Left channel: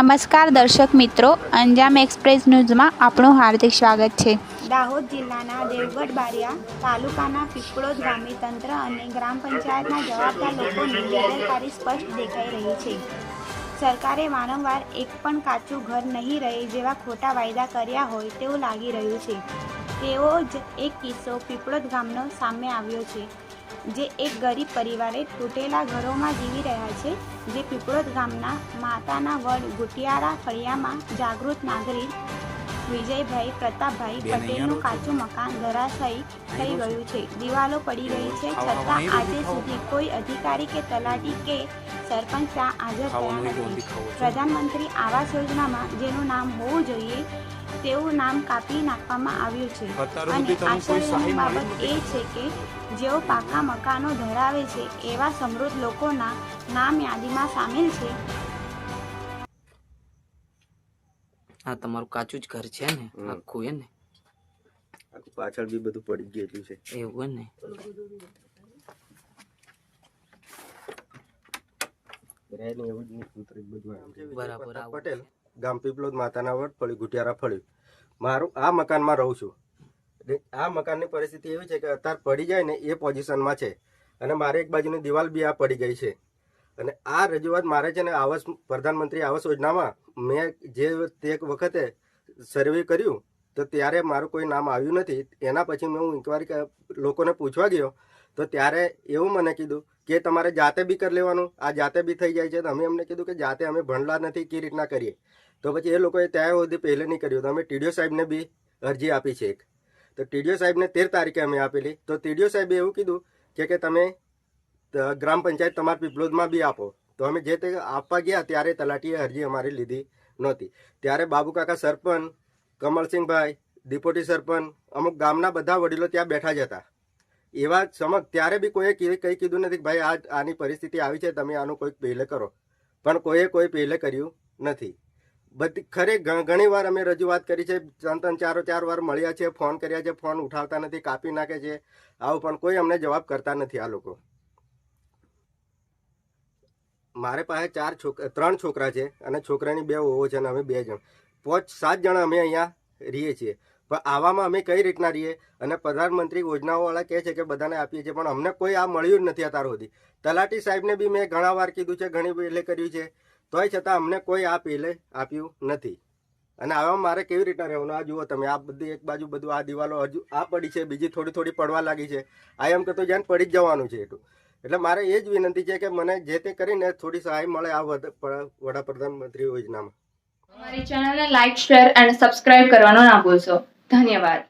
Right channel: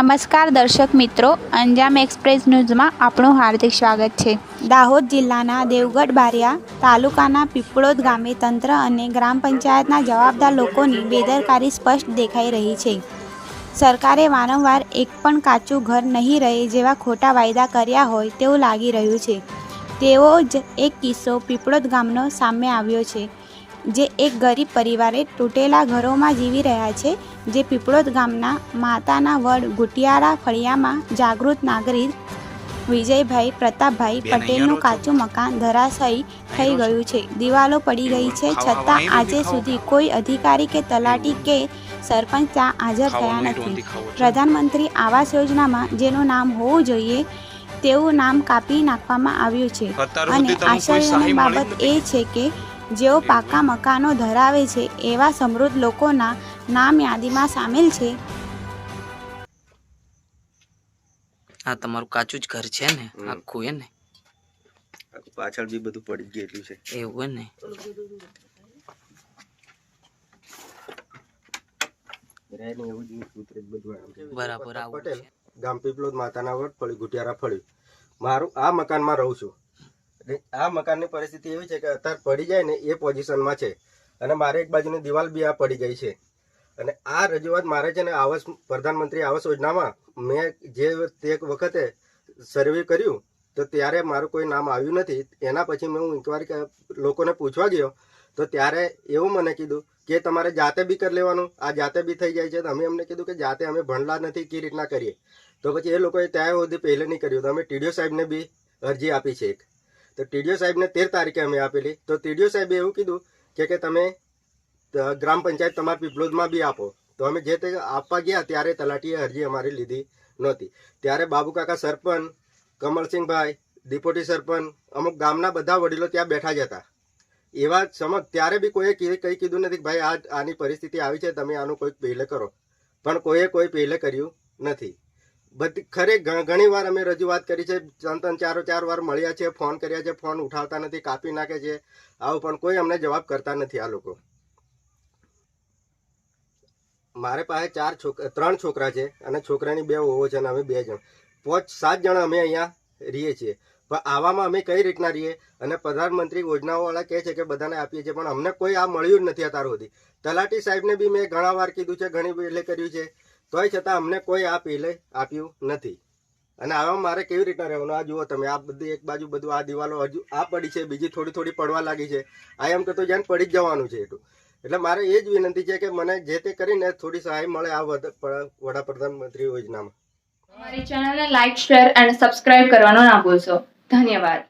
નમસ્કાર દર્શક મિત્રો, અંજામ એક્સપ્રેસ ન્યૂઝમાં આપણું હાર્દિક સ્વાગત છે। દાહોદ જિલ્લાના દેવગઢ બારિયા તાલુકાના પીપળોદ ગામે તંત્ર અને ગ્રામ પંચાયતના જવાબદાર લોકોની બેદરકારી સ્પષ્ટ દેખાઈ રહી છે। સરકારે વારંવાર એક પણ કાચું ઘર નહીં રહે જેવા ખોટા વાયદા કર્યા હોય તેવું લાગી રહ્યું છે। તેવો જ એક કિસ્સો પીપળોદ ગામનો સામે આવ્યો છે, જે એક ગરીબ પરિવારે તૂટેલા ઘરોમાં જીવી રહ્યા છે। જે પીપળોદ ગામના માતાના વડ ગુટિયારા ફળિયામાં જાગૃત નાગરિક વિજયભાઈ પ્રતાપભાઈ પટેલનું કાચું મકાન ધરાશાયી થઈ ગયું છે। દિવાલો પડી ગઈ છે, છતાં આજે સુધી કોઈ અધિકારી કે તલાટી કે સરપંચ ત્યાં હાજર થયા નથી। પ્રધાનમંત્રી આવાસ યોજનામાં જેનું નામ હોવું જોઈએ તેવું નામ કાપી નાખવામાં આવ્યું છે અને આશ્ચર્યની બાબત એ છે કે જેઓ પાકા મકાનો ધરાવે છે એવા સમૃદ્ધ લોકોના નામ યાદીમાં સામેલ છે। આ તમારું કાચું જ ઘર છે ને આખું? હે ને પાછળ બી બધું પડી ગયેલું છે એવું ને? બરાબર। પટેલ ગામ પીપળોદ માતાના વડ ફળી ગુટિયારા ફળ્યું મારું આ મકાનમાં રહું છું। આ મકાનની પરિસ્થિતિ એવી છે કે અત્યારે પડી જાય ને એ પોઝિશનમાં છે અને મારે એક બાજુની દિવાલ બી આ પડી ગઈ છે અને આ રજૂઆત મારે છે ને આવાસ પ્રધાનમંત્રી આવાસ યોજનામાં મેં જે તે વખતે સર્વે કર્યું તો ત્યારે મારું કોઈ નામ આવ્યું નથી। એના પછી મેં હું ઇન્કવાયરી લોકોને પૂછવા ગયો તો ત્યારે એવું મને કીધું કે તમારે જાતે બી કરી લેવાનું, આ જાતે બી થઈ જાય છે। તો અમે અમને કીધું કે જાતે અમે ભણલા નથી, કઈ રીતના કરીએ? તો પછી એ લોકોએ ત્યાં સુધી પહેલે નહીં કર્યું તો અમે ટીડીઓ સાહેબને બી અરજી આપી છે એક। તો ટીડીઓ સાહેબને 13 તારીખે અમે આપેલી તો ટીડીઓ સાહેબે એવું કીધું કે તમે ગ્રામ પંચાયત તમારા પીપળોદમાં બી આપો। તો અમે જે તે આપવા ગયા ત્યારે તલાટીએ અરજી અમારી લીધી નહોતી। ત્યારે બાબુકાકા સરપંચ, કમલસિંહભાઈ ડિપોટી સરપંચ, અમુક ગામના બધા વડીલો ત્યાં બેઠા જ હતા। એવા સમજ ત્યારે બી કોઈએ કંઈ કીધું નથી કે ભાઈ આની પરિસ્થિતિ આવી છે, તમે આનું કોઈક પહેલે કરો, પણ કોઈએ કોઈ પહેલે કર્યું નથી। બધી ઘણી વાર અમે રજૂઆત કરી છે, 3-4 વાર મળ્યા છે, ફોન કર્યા છે, ફોન ઉઠાવતા નથી, કાપી નાખે છે આવું, પણ કોઈ અમને જવાબ કરતા નથી આ લોકો। મારે પાસે 3 છોકરા છે અને છોકરાની 2 વહુઓ છે અને અમે 2 જણ 5-7 જણ અમે અહીંયા રહીએ છીએ। પણ આવામાં અમે કઈ રીતના રહીએ? અને પ્રધાનમંત્રી યોજનાઓવાળા કહે છે કે બધાને આપીએ છીએ, પણ અમને કોઈ આ મળ્યું જ નથી અત્યાર સુધી। તલાટી સાહેબને બી મેં ઘણા વાર કીધું છે, ઘણી પહેલે કર્યું છે, તોય છતાં અમને કોઈ આ પહેલે આપ્યું નથી। અને આવામાં મારે કેવી રીતના રહેવાનું? આ જુઓ તમે, આ બધી એક બાજુ બધું આ દિવાલો હજુ આ પડી છે, બીજી થોડી પડવા લાગી છે। આ એમ કે તો જાણ પડી જ જવાનું છે એટલું। એટલે મારે એ જ વિનંતી છે કે મને જે તે કરીને થોડી સહાય મળે આ વડાપ્રધાનમંત્રી યોજનામાં। અમારી ચેનલને લાઇક, શેર અને સબસ્ક્રાઇબ કરવાનું ના ભૂલશો। ધન્યવાદ।